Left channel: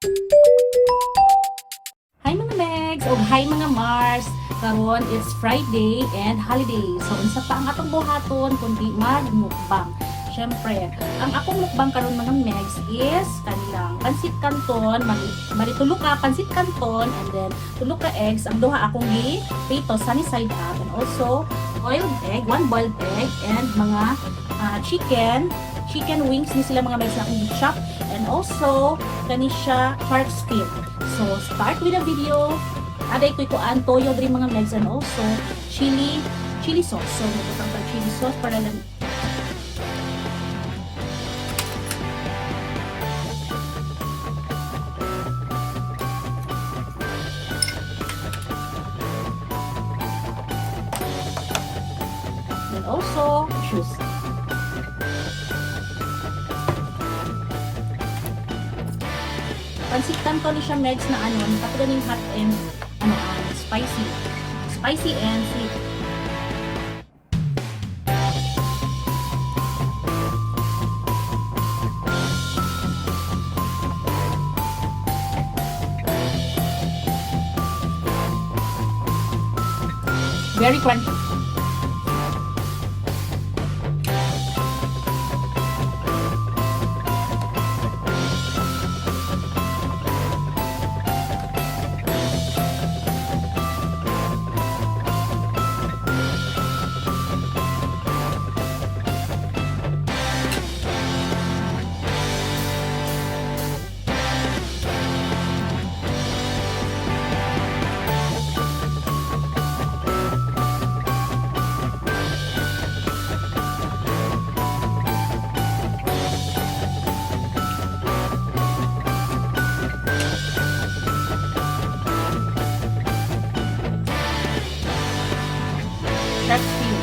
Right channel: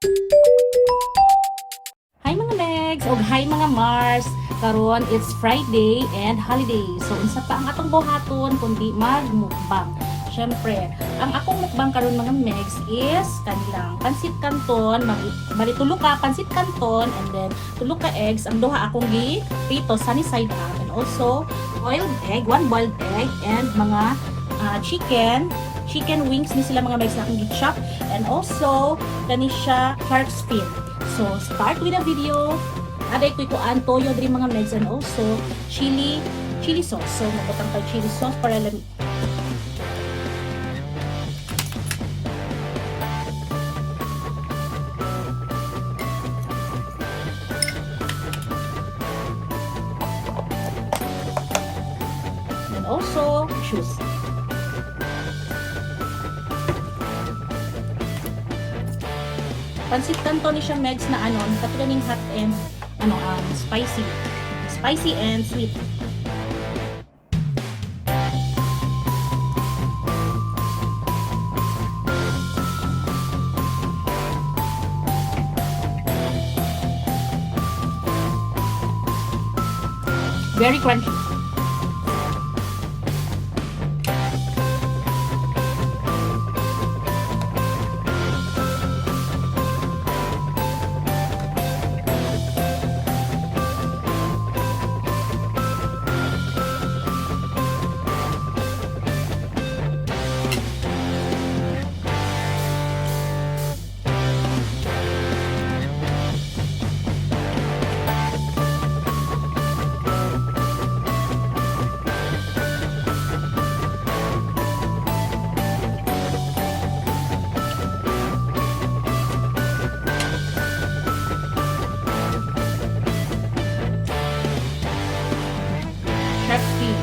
Hi mga Megs o hi mga Mars. Karon it's Friday and holiday. So unsa pa ang atong buhaton kundi magmukbang. Syempre, ang akong mukbang karon mga Megs is kanilang pansit canton, bali tulo ka pansit canton and then tulo ka eggs. Ang duha akong prito sunny side up and also boiled egg, one boiled egg and mga chicken wings ni sila mga Megs na akong gi-chop and also kani siya shark's fin. So, start with the video. Aday ko ikuan toyo diri mga Megs and also chili sauce. So, mabutang tag chili sauce para lang and also juice. Pansit canton ni siya Megs na katulad ng hot and spicy and sweet. Very crunchy. Shark's fin.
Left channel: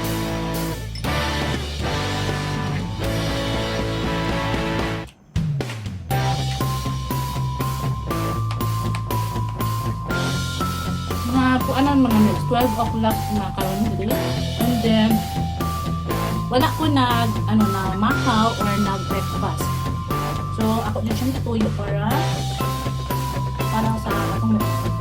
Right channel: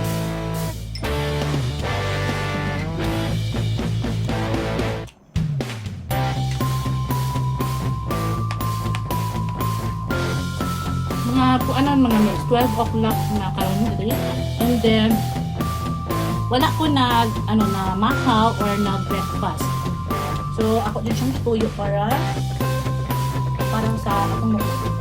Mga Megs, 12 o'clock na karon diri. And then wala ko na makaw or breakfast. So ako din siyang gituyo parang sa atong mukbang.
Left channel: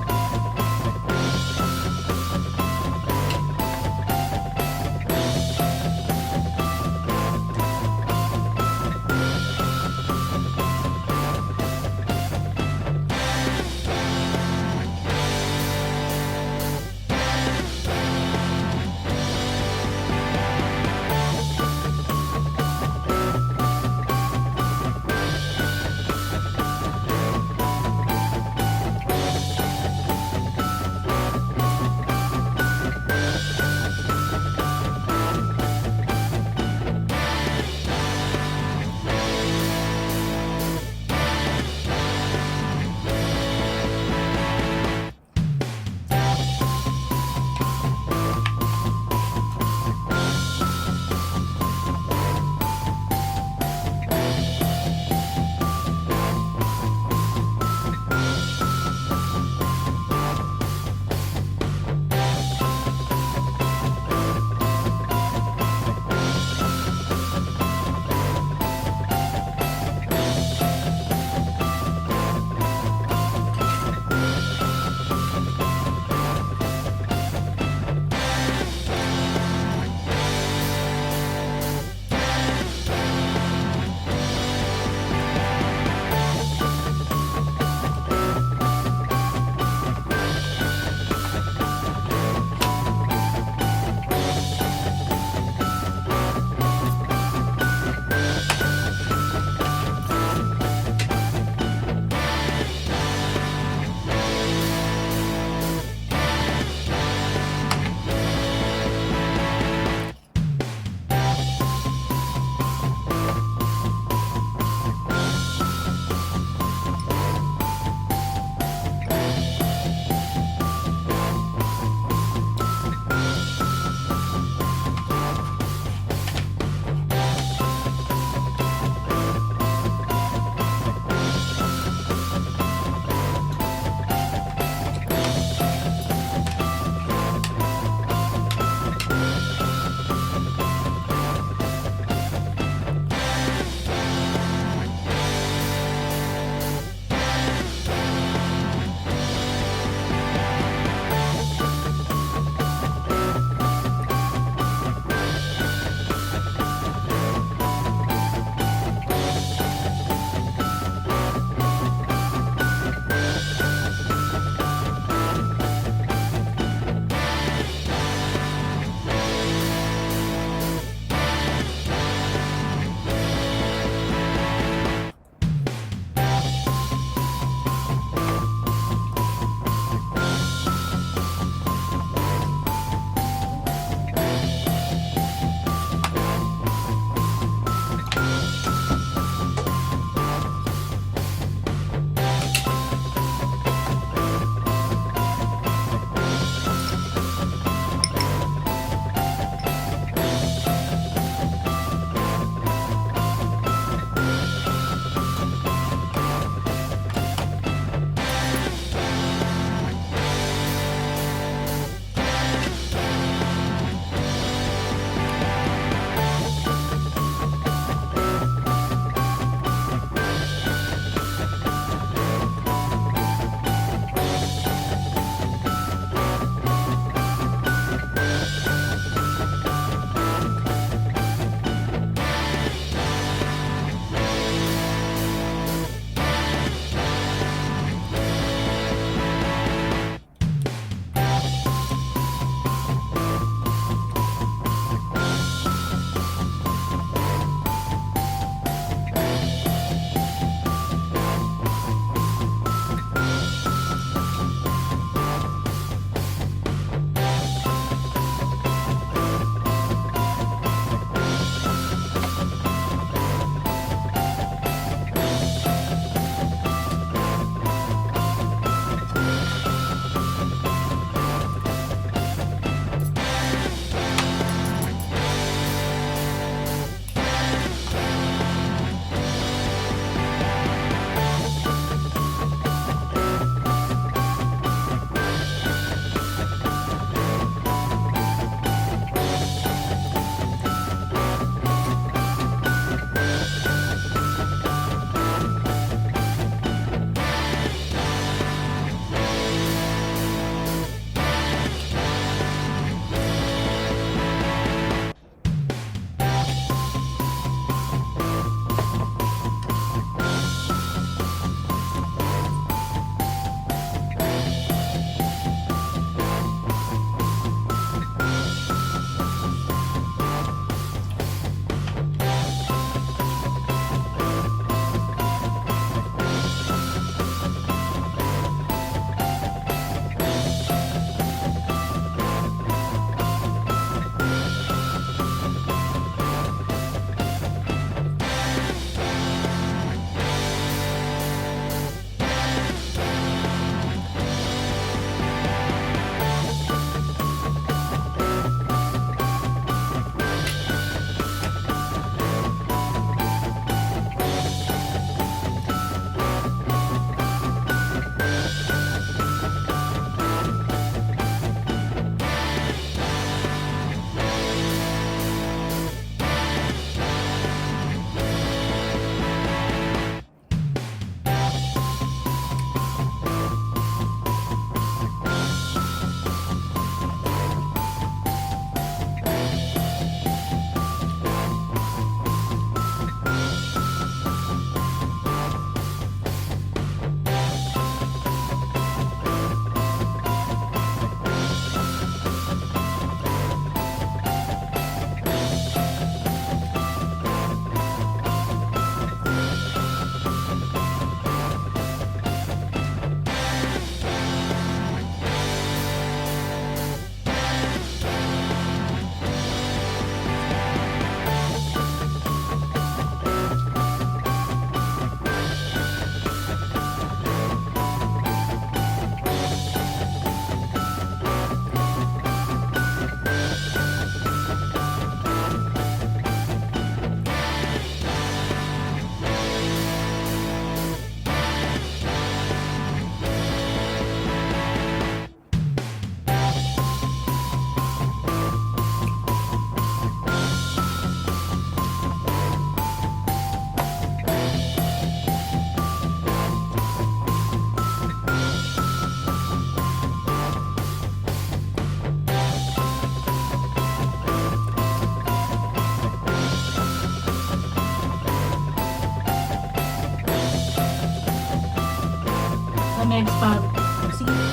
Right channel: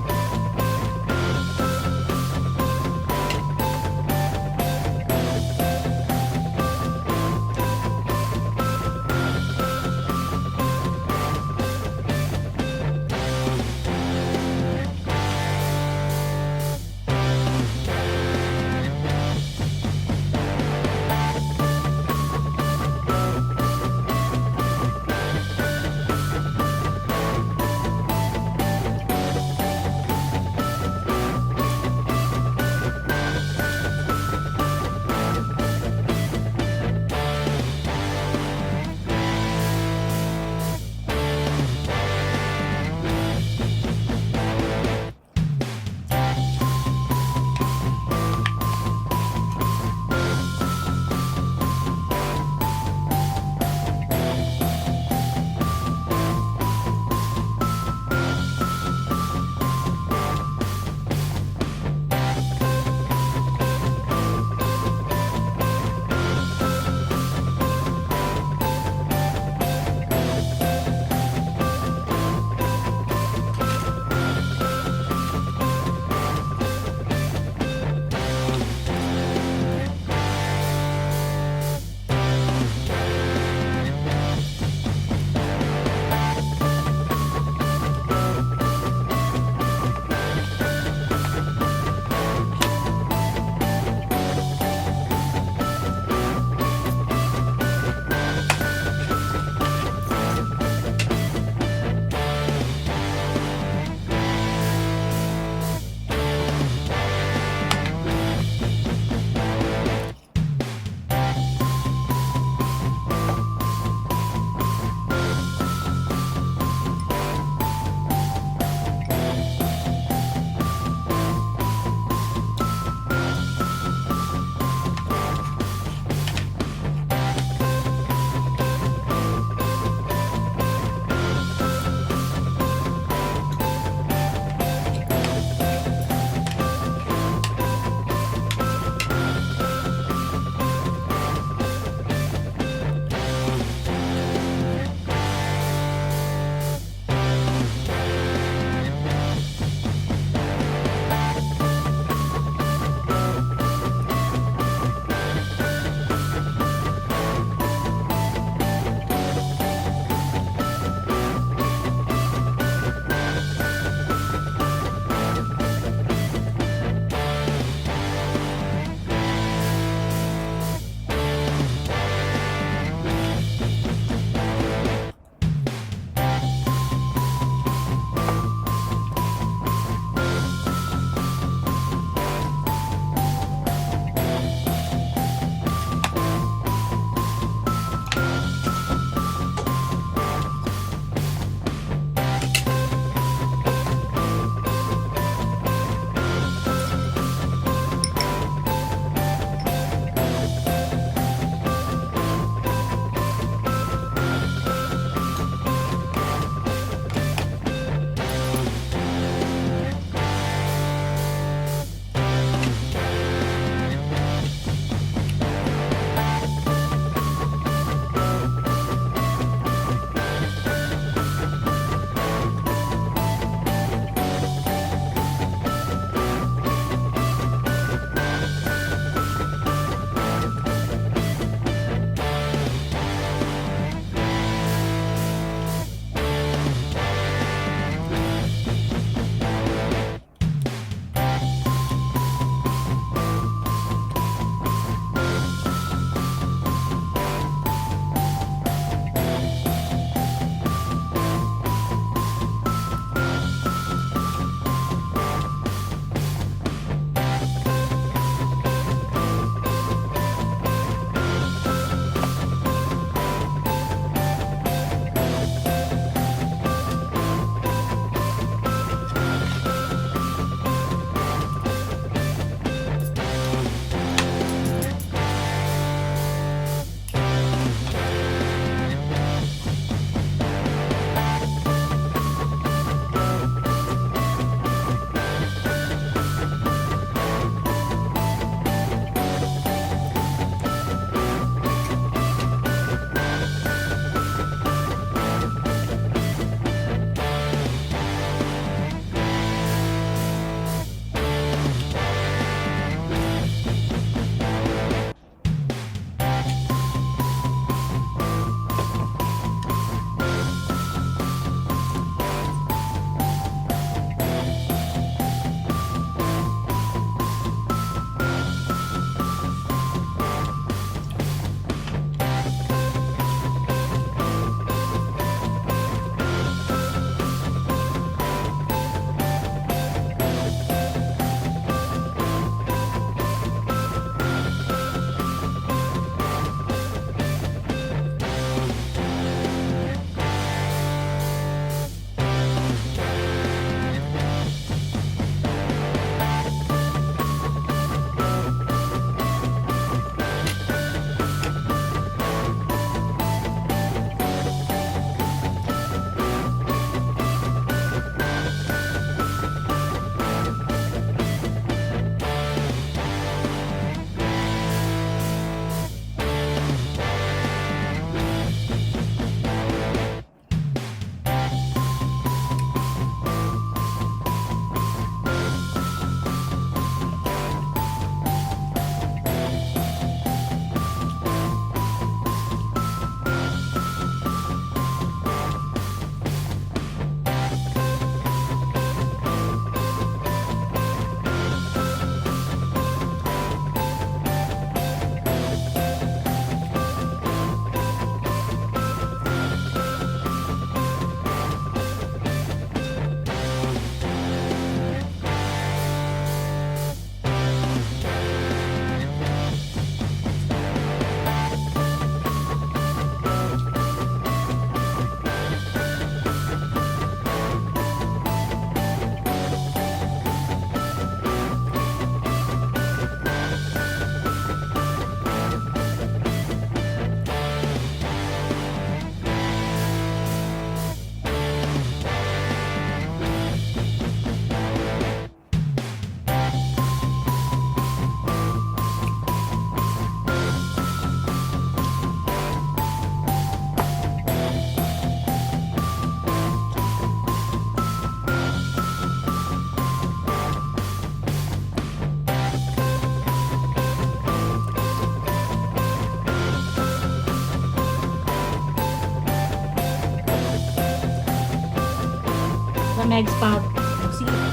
mga megs pag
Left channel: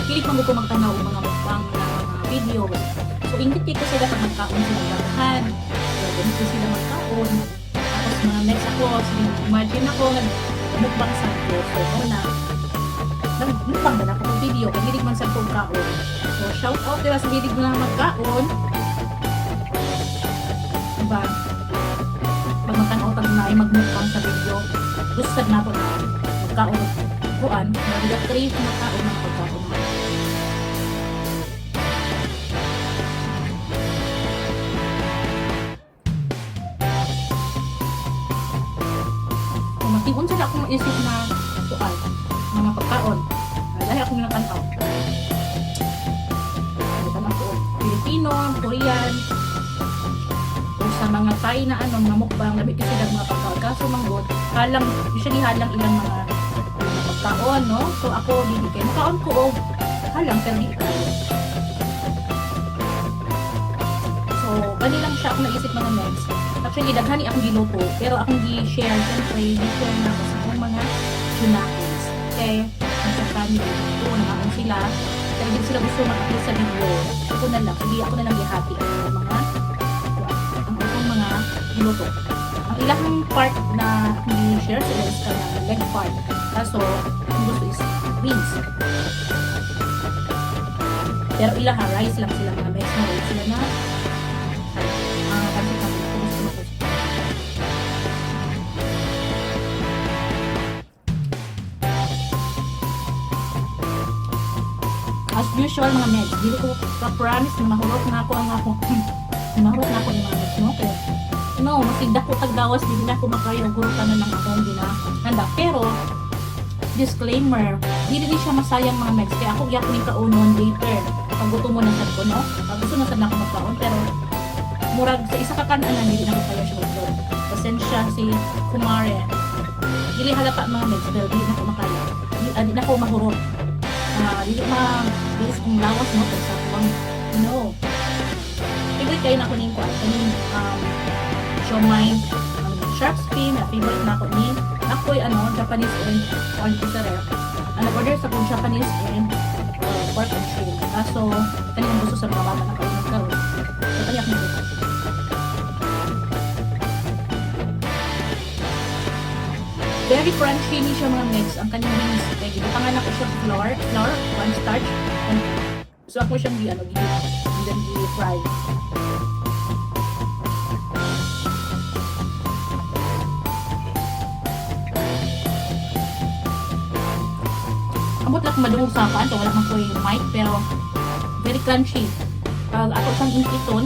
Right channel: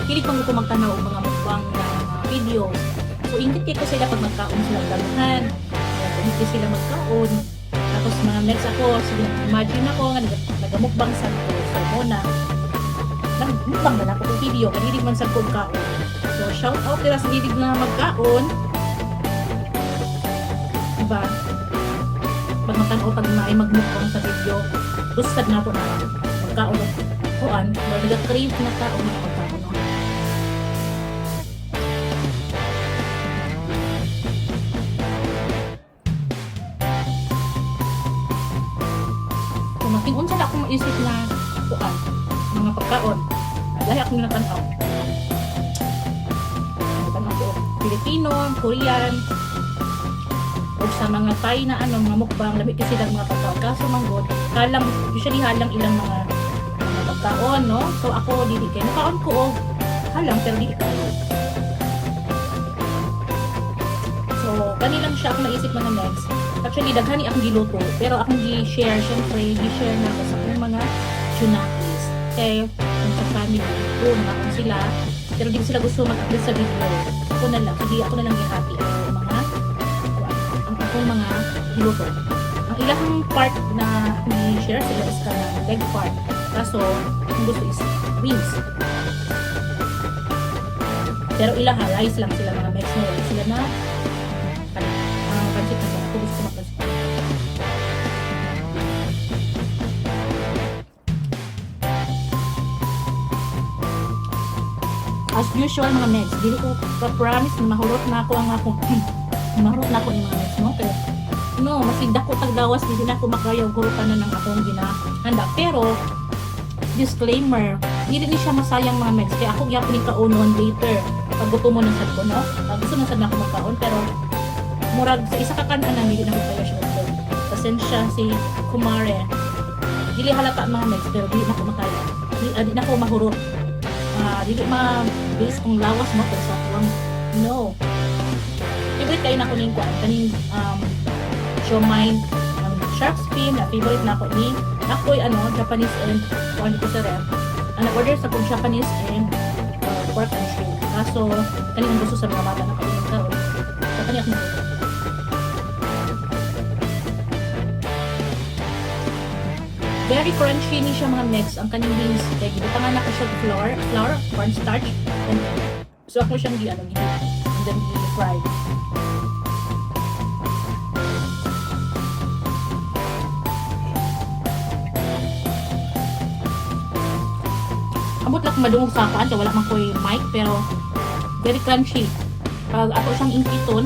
kilit man ko magtanaw og mga mukbang na mga video. So ingit ko sila pag magkaon sila daghan. Ganito sila magkaon. Tapos mga megs ako, sige, imagine ako nga nagamukbang sad ko. So muna mukbang na ako ng video, kanilig man sad ko kaon. So shout out nila sa hilig na magkaon. Diba? Pag magkanautag na ay magmukbang sa video, gustad na ito na magkaon kuan, nag-crave na kaon na pagkaon. So mating-un sila akong maisip na kuan, mga pagkaon. Dahil akong nakanaw. Nakanaw ko Filipino, Korean, o sa mga Thai na ano, mga mukbang, lamig kasi lang mga pagkaon. Kaso manggod, usually halang ilang mga pagkaon, no? So ako, dili kayo. Nakaon ko o halang, pero di kayo. So, kanilang siya akong naisip mga megs. Actually, daghani akong giluto, pero akong gi-share, syempre, gi-share na ako sa akong mga chunakis. Okay, sa family ko, nakaon sila, pero di sila gusto mag-upload sa video. Ako na lang, sige, ako na lang ihati ang akong mga giluto. Ang ilang part na i-share sila is ka ng leg part. Kaso, ang gusto is wings. Pero ilang rice lang sila mga megs na wala sila na mga pansit na ako gusto magpansit. As usual mga megs, dili ko ka-promise na mahurot na ako ang ako mahurot na ako ng mga megs, no? Kaya, no, masigda ko tagdawas, hindi na ako makayaw gurutan na ng akong ginahanda. Pero, disclaimer, hindi rin siya masayang mga megs. Kaya ako gyapon yung kaunon later. Pag gusto mo na sad ko, no? Pag gusto na sad na ako magkaon, pero murag sa isa ka kanan, hindi na ako kaya siya doon. Pasensya si Kumare. Dili halata mga megs, pero hindi na ako makaya. Hindi na ako mahurot. Dili mabilis kong lawas, no? Pero sa akong, no. Favorite kayo na ko ning kuan. Kaning, siomai, shark fin, na favorite na ako ni Nakoy, Japanese and kuan ko sa ref. Ang nag-order sa kong Japanese and pork and shrimp. Kaso, kanina gusto sa mga bata na kayo nagkaroon. So, kanina akong gusto. Very crunchy ni siya mga megs. Ang kanyang beans. Kaya ginitangan ako siya flour, cornstarch, and egg. So, ako siyang gihit. And then, i-fry. Amot lang madungog sa paan, kaya wala man ko'y mic, pero very crunchy. Pag ako siyang inkiton,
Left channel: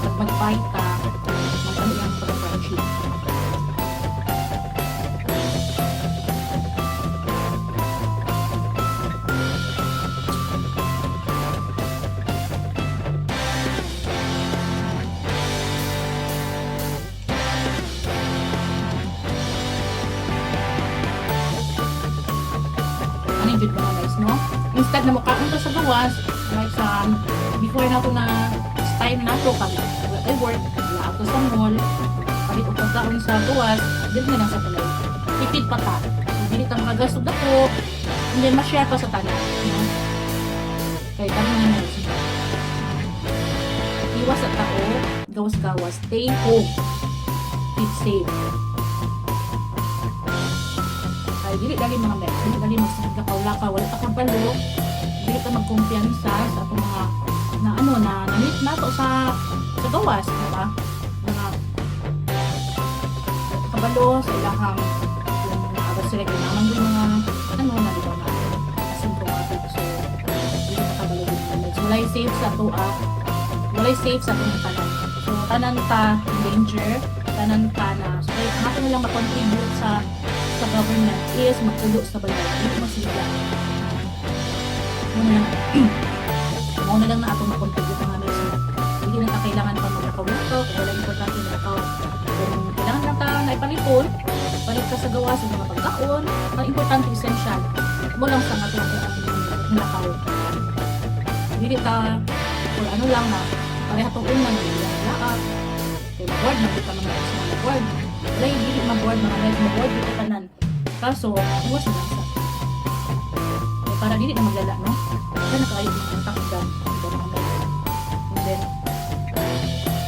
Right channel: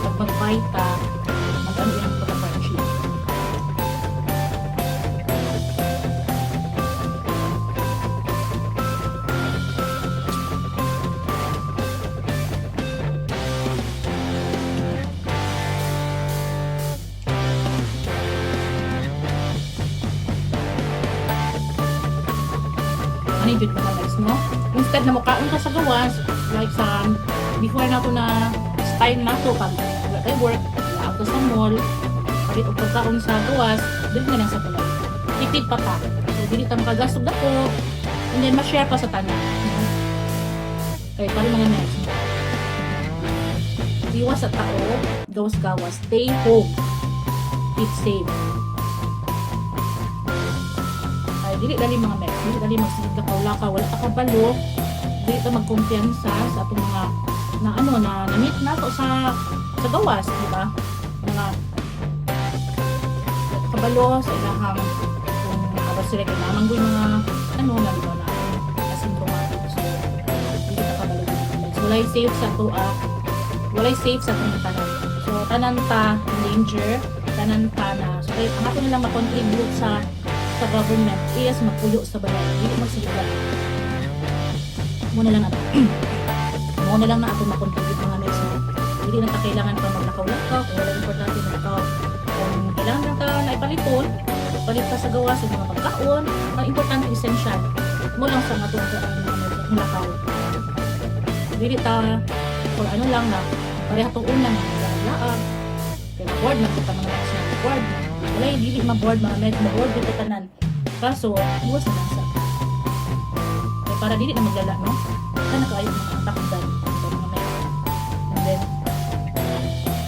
pag mag-bite ka, mag-ano yan pagka-crunchy. Ano yung mga guys, no? Instead na mukhaon ka sa gawas, like sa before na to na time na to, pag wala tayo work, wala ako sa mall, palit o pagkaon sa gawas, din na lang sa tulay. Tipid pa ta. So, dili tang kagasog ako, and then ma-share pa sa tanan. No? Kaya kami mga guys. Iwas sa tao, gawas-gawas, stay home. Keep safe. Dili dali mga megs, dili dali magsigig lakaw-lakaw, wala ka kabalo, dili ka magkumpiyansa sa atong mga na meet na to sa gawas, di ba? Mga kabalo sa ilahang kung abad sila kayo naman yung mga na, di ba, na asymptomatic. So, dili ka kabalo din mga megs. Walay safe sa tuwa, walay safe sa atong tanan. So, tanan ta danger, tanan ta na. So, ang ato nilang makontribute sa government is magpuyo sa balay, hindi magsigla. Muna lang na atong makontribute mga megs. Hindi na kailangan pa maglakaw-lakaw, kung wala importante na ikaw. Kung kailangan lang ka na ipalipon, palit ka sa gawa sa mga pagkaon, ang importante essential. Mo lang sa atong ang lakaw. Hindi ta, or ano lang na, pareha itong unang laag, kaya mag-board na kita mga megs na mag-board. Wala hindi ma-board mga megs, ma-board dito tanan. Kaso, iwas na lang sa para dili na maglala, no? Kana kaayo mga takdan, ito mga men. And then,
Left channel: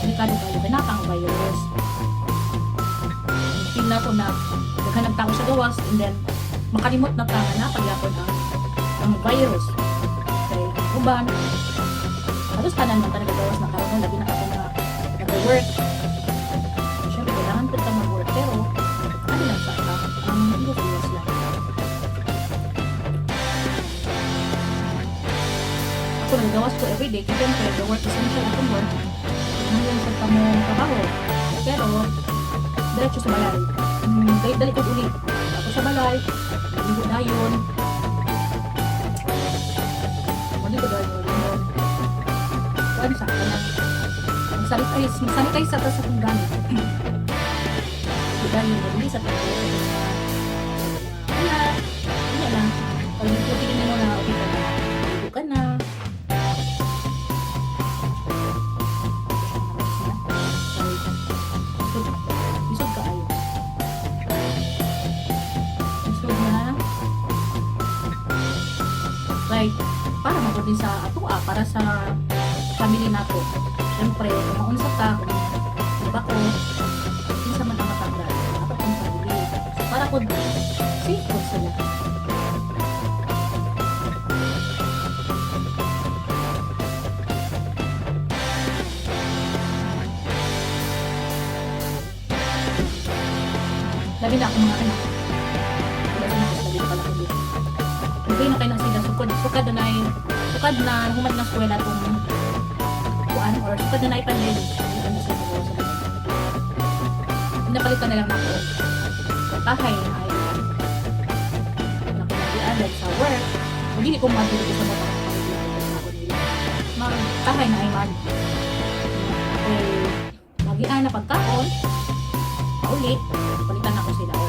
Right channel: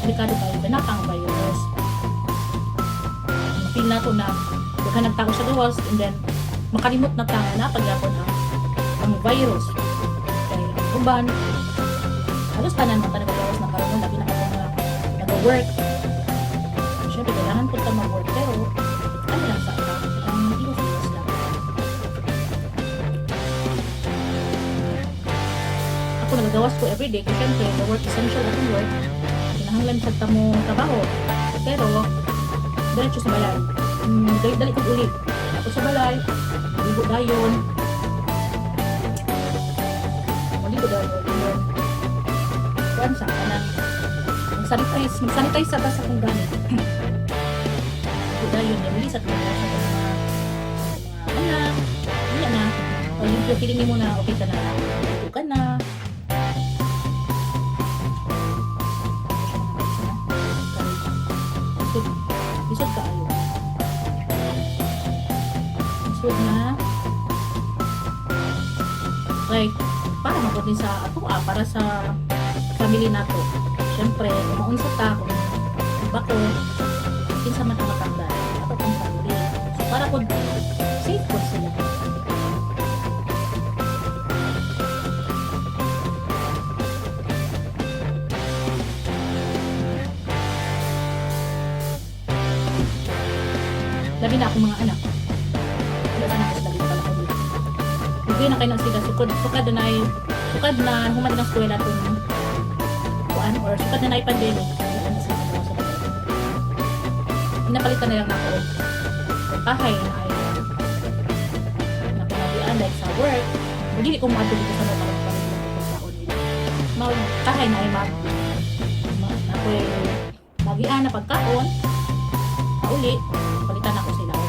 delikado kayo, ganapang virus. Feel na to na daghan nagtao sa gawas, and then makalimot na tao na pagyapon ang virus. Kaya uban, halos tanan man talaga gawas na karon lagi na ako nga nag-work. Siyempre, kailangan po ka mag-work, pero ano lang sa ka, ang ilos lang. Ako nagagawas ko everyday, kasi siyempre, the work essential akong work, kailangan lang sa tamong trabaho. Pero, diretso sa balay. Dali ko uli. Ako sa balay, maligo dayon. Maligo dayon. Kuan sa kanang mag-sanitize sa tas akong gamit. Maligo dayon, release at mga anak. Hindi na. Pag yung feeling mo na okay ka na, maligo ka na. Isod ka ayo. Isod na. Like, para mabuti sa ato para sa family nato. Siyempre, maunsa ka kung iba ko, kinsa man ang matanda. Ato kong family. So, para ko, safe ko sila. Labi na ako mga anak. Wala na ako sa labi na pala ko dito. Hindi na kayo nang sila sukad. Sukad na humad ng eskwela kung kuan or sukad na pandemic. Hindi na sila kagawa sa bagay. Pinapalitan na lang ako. Kung kahay na ay nakumagian like sa work. Hindi ko maatuloy ko sa mga parang palitan ko sa ako nila. Kahay na ay ako ay magian na pagkaon. Uli, palitan ako sila or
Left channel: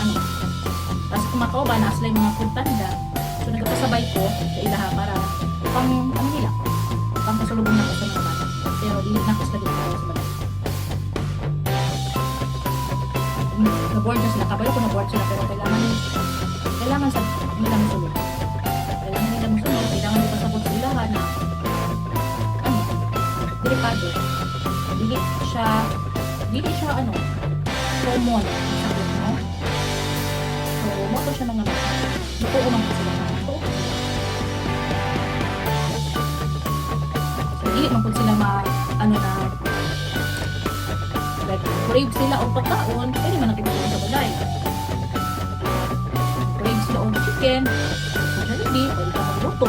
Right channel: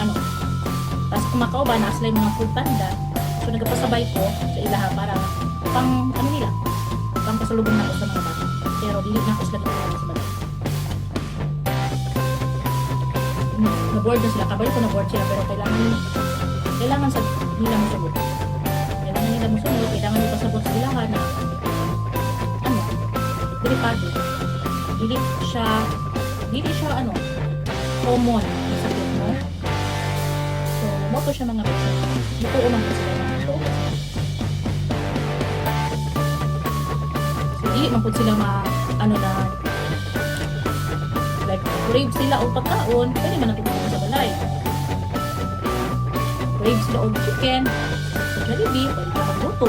ano. Tapos kumakaw ba, nasa lang mga food tanda. So nagpasabay ko sa ilaha para pang ano nila, pang pasalubong na ako sa mga bata. Pero dili na ako sila ginagawa sa balay. Na-board na sila, kabalo ko na-board sila, pero kailangan sa nila masunod. Kailangan nila masunod, kailangan nila pasabot sa ilaha na ano, delikado. Dili siya ano, common na sakit, no? So, moto siya mga bata. Mutuo man po sila. Mutuo po sila. So, dili man po sila ano na, like, crave sila o pagkaon, pwede man natin sa balay. Crave sila o chicken, so Jollibee, pwede ka magluto.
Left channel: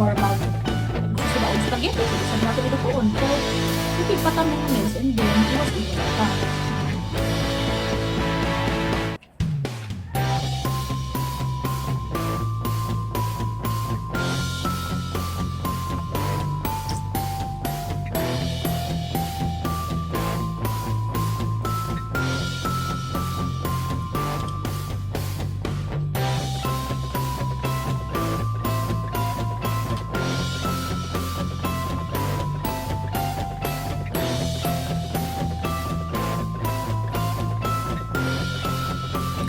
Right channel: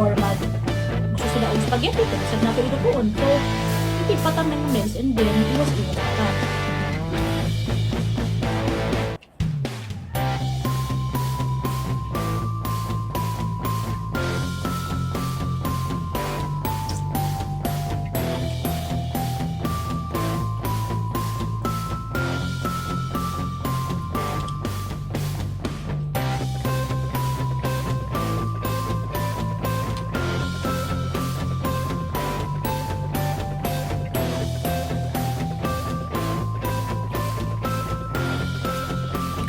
Or gusto sila o spaghetti, pwede sa nato ilutuon. So, hindi patamins and then iwas-iwas ka.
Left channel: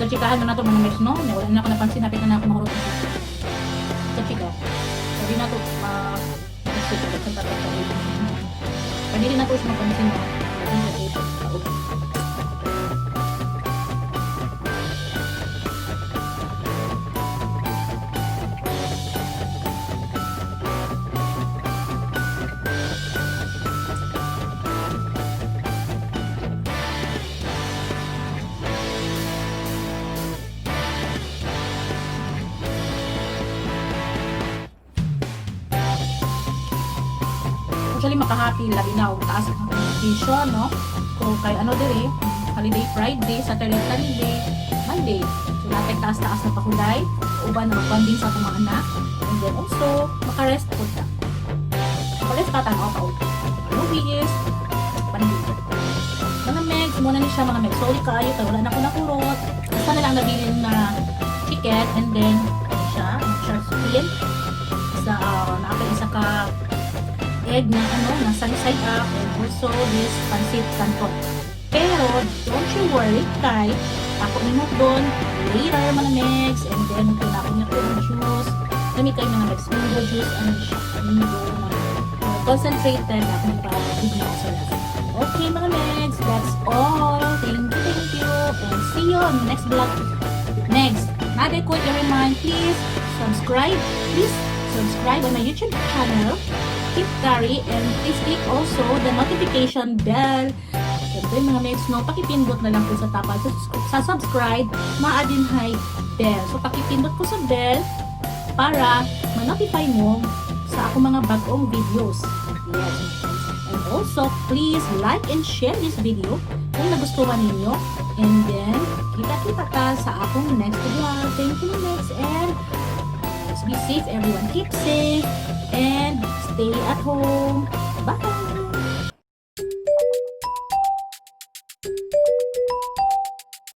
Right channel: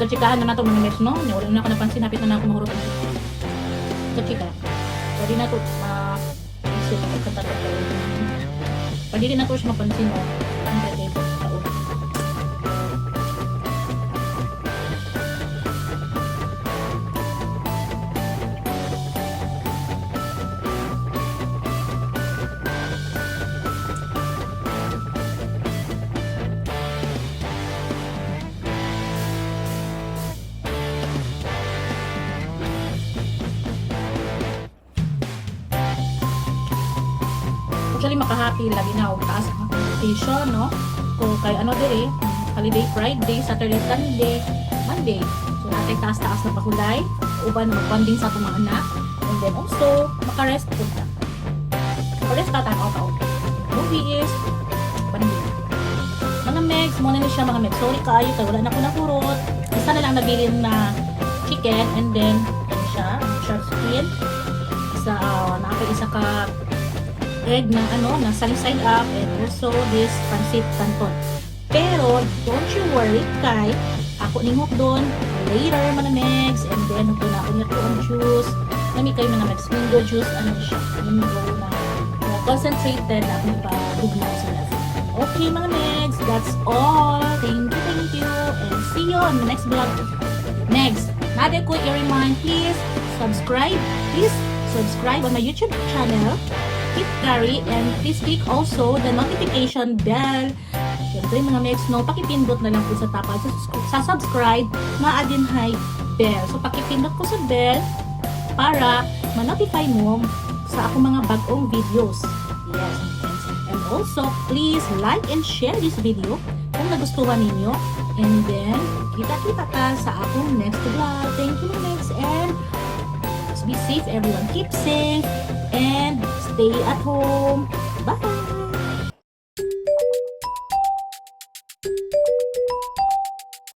Chikahan na nato mga mes, no? Wala na ako napansin, hapit na ako mahurot. Chika. Pwede na to ma-isip na pagkantatak ka. Pwede din na to siya mapansin, no? Actually, makahappy lagi na taas ang vacation, no? So, kay ano dire, holiday Friday, Saturday, Sunday, Monday. So, natin taas-taas na pakulay, uban na mag-bonding sa itong mga anak, and then also, makarest po ta. Makarest ka tanaw taon. Movies, banding. Mga megs, muna ni siya mga megs. Sorry kaayo, kaya wala na ako nakurot. Isa na lang nabilin na chicken, and then, ano siya, shark squid. Isa ka egg na na sunny side up, and also this pancit canton. Pero don't you worry kay ako ningot doon later mga megs, and then pinakon na to ang juice. Kami kayo mga megs, mango juice, ano siya, mango na concentrated na kung pa-bigla sa lasa. Okay mga megs, that's all. Thank you, and see you on the next vlog. Next, not a quick remind, please subscribe on my YouTube channel, Kit Gary, and please click also the notification bell. Siyempre mga megs, no, pakipindot na lang po sa tapal sa subscribe, maadin hay bell. So pakipindot po sa bell para ma-notify mo sa ako mga bagong videos. Yes, mga friends. And also, please like and share this video kung nagustuhan ninyo. And then, kita-kita ka sa akong next vlog. Thank you, mga megs, and be safe everyone. Keep safe and stay at home. Bye!